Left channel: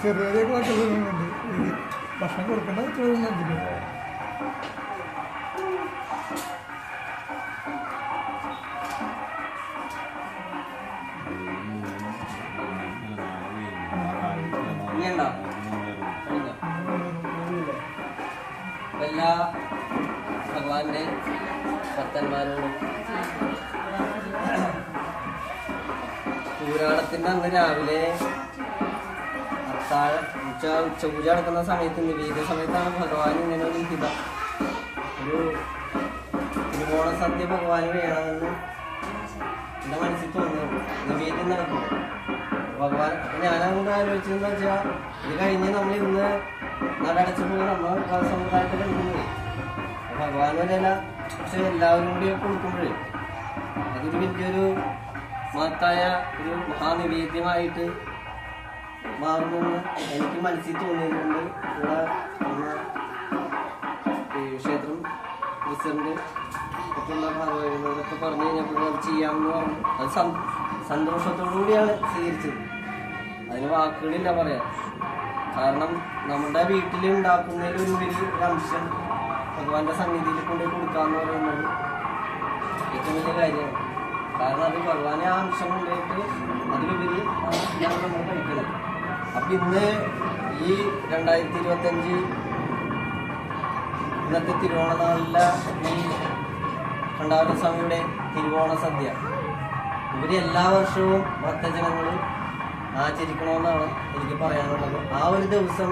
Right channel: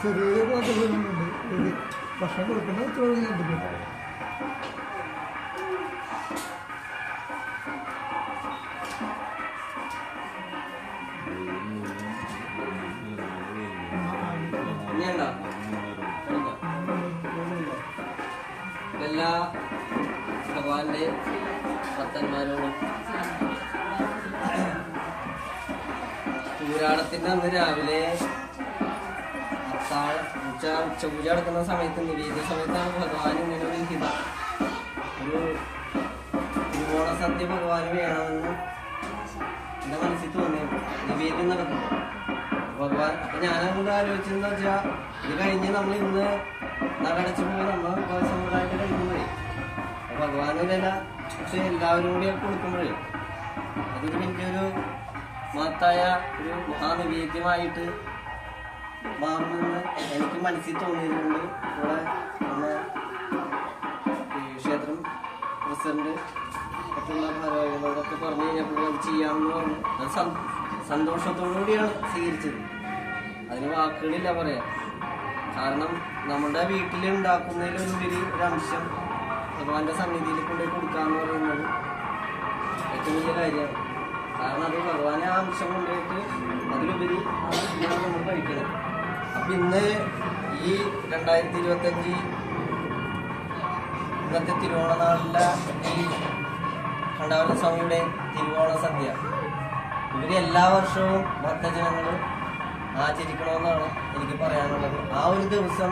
ചെറിയ ഭക്ഷണം കൊടുക്കുമ്പോൾ എല്ലാ ഭഗവാന്റെ ഭക്തന്മാരോടും പൂരാടത്തിന്റെ അന്ന് രാവിലെ ഉച്ചപൂജ നടക്കുന്ന സമയത്ത് നിവേദ്യ സമയത്താണ് ഭഗവാൻ ഇങ്ങനെ ഒരു ഹിത ഒരു തിരുവോണ സദ്യ ഭഗവാന് വേണമെന്ന് എന്റെ മനസ്സിൽ തോന്നിയത് നിവേദ്യം നടക്കുന്നു ഭഗവാൻ. അപ്പൊ ഞാനങ്ങോട്ട് ആലോചിച്ചെന്ന് വെച്ചാൽ ഇത് കഴിഞ്ഞ് നമ്മൾ ഇന്ന് നടടച്ചു പോയി നമ്മൾ സമുദായത്തിൽ കഴിക്കുന്നത് ഭഗവാൻ ഒരല്ല. പക്ഷെ എല്ലാവരും കൂടി കൊടുക്കുമ്പോഴേ അതൊരു വലിയൊരു മഹത്തായ ഒരു മഹാനിവേദ്യമായിട്ട് മാറുമെന്ന് എനിക്ക് മനസ്സിൽ തോന്നിയതുകൊണ്ട് ഇവിടെ നമ്മുടെ ക്ഷേത്രം പ്രസിഡന്റ് ഒക്കെയുള്ള ഭാരവാഹികളോടൊക്കെ പറഞ്ഞു കഴിഞ്ഞപ്പോൾ അത് ചെയ്യാമെന്ന് പറഞ്ഞു. അത് സന്തോഷത്തോടു കൂടിയാണ് സ്വീകരിച്ചത്. അതിന് വാക്കുകളില്ല പറയാൻ. കാരണം നമ്മുടെ വീട്ടിൽ ഉണ്ടാക്കുന്നതിലൊരു അംശം ഭഗവാന്റെ സന്നിധിയിൽ കൊണ്ടുപോയി കൊടുക്കാന്ന് പറയുന്നത് ഏറ്റവും വലിയ കാര്യമാണ്. കാരണം അത് ഭഗവാനെ ആ അംശം കൊണ്ടുപോയിട്ട് അതിലുപരി ഞാൻ നമ്മൾ കഴിക്കുന്നത്. അപ്പൊ ഇന്ന് ഈ 2025 ഇന്നത്തെ തിരുവോണ നാളിലെ ഈ കണ്ടാവരസ്വാമിയുടെ തിരുവോണ സദ്യ ഇവര് എല്ലാ വർഷവും ഭക്തജനങ്ങൾ ആചരിക്കണമെന്നാണ് എനിക്ക് പറയാനുള്ളത്. ആ ഒരു ദിവസം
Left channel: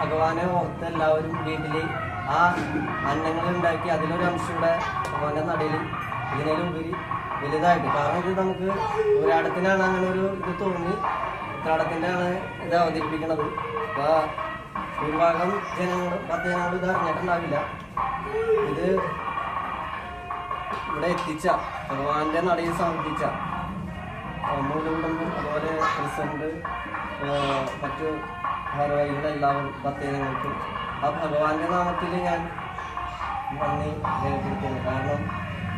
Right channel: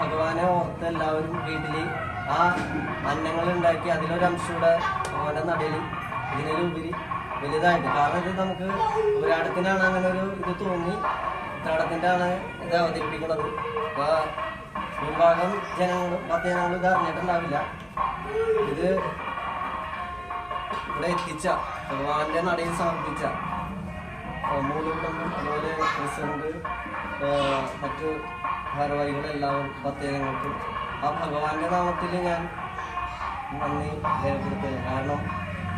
ഭഗവാനെ ഓർത്ത് എല്ലാവരും വീട്ടില് ആ അന്നങ്ങൾ ഉണ്ടാക്കി അതിലൊരംശം കൂടെ ഭഗവാന്റെ നടയിൽ ഇതിനുപരി വലുതായിട്ട്. കാരണം ഇത് നമുക്ക് ഒരാടത്തിനാണ് അങ്ങനെ ഒരു ഇത് തോന്നി, ഉത്രാടത്തിന്റെ ആണ് ഇത് അവതരിപ്പിക്കുന്നത്. അപ്പൊ ഭൂരിഭാഗം ഭക്തജനങ്ങൾ ഇത് അറിഞ്ഞിട്ടുണ്ടാവില്ല. ഇത് ഇവിടെ എത്തിച്ച ഭഗവാന്റെ നടയിൽ സമർപ്പിച്ച മൂലകുടുംബം, അതുപോലെ പ്രസിഡന്റ്, മറ്റു ഭാരവാഹികളെല്ലാവരും ഭക്തജനങ്ങൾക്ക് ആ ഭഗവാന്റെ നാമത്തിൽ ഞാൻ നന്ദി രേഖപ്പെടുത്തുന്നു. കാരണം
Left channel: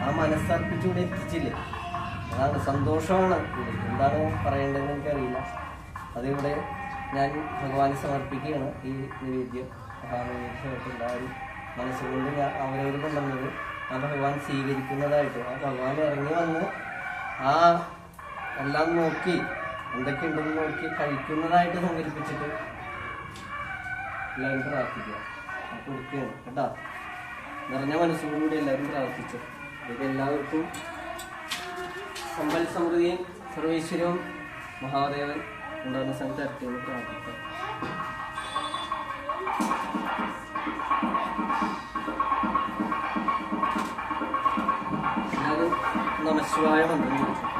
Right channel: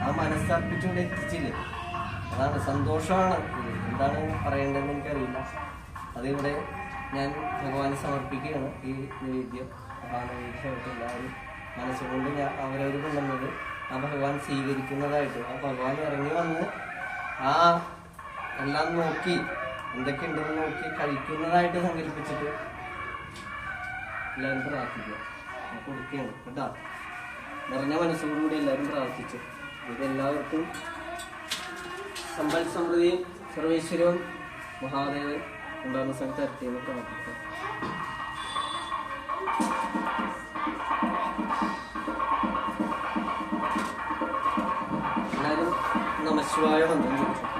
ആ മനസ്സർപ്പിച്ചുകൂടെ എത്തിച്ചില്ലേ, അതാണ് സന്തോഷമാണ്. ഇത് എന്താണ് പറയേണ്ടതെന്ന് എനിക്കറിയില്ല. അതിവിടെ ഞാൻ ഭഗവാനെ സമർപ്പിക്കുകയാണ്. ഈ നിവേദ്യം എല്ലാവരും മനസ്സുകൊണ്ട് ഞാൻ അവരവർ കൊണ്ടുവന്നത് ആ ഭഗവാൻ സ്വീകരിക്കുന്നതായിട്ട്, ആ ഭഗവാൻ ഇറങ്ങി വന്ന് ആ എല്ലാം നോക്കി എന്തൊക്കെയുണ്ടെന്ന് നോക്കി കഴിക്കുന്നതായിട്ട് സങ്കല്പിച്ചിട്ട് എല്ലാവരും പ്രാർത്ഥിക്കുക. കൊടുക്കുകയാണ് കേട്ടോ. നിറഞ്ഞ മനസ്സോടുകൂടി എല്ലാവരും പ്രാർത്ഥിച്ചു. ഇത് എല്ലാവർക്കും സമ്പൽ സമൃദ്ധിയും സർവേശ്വരവും മഹാദേവൻ ഉണ്ടാകുന്ന സമയത്ത് ഇരട്ടിയെന്ന് പ്രാർത്ഥിക്കാം. എല്ലാവരും നമശിവായ ബന്ധം ചോദിച്ചു.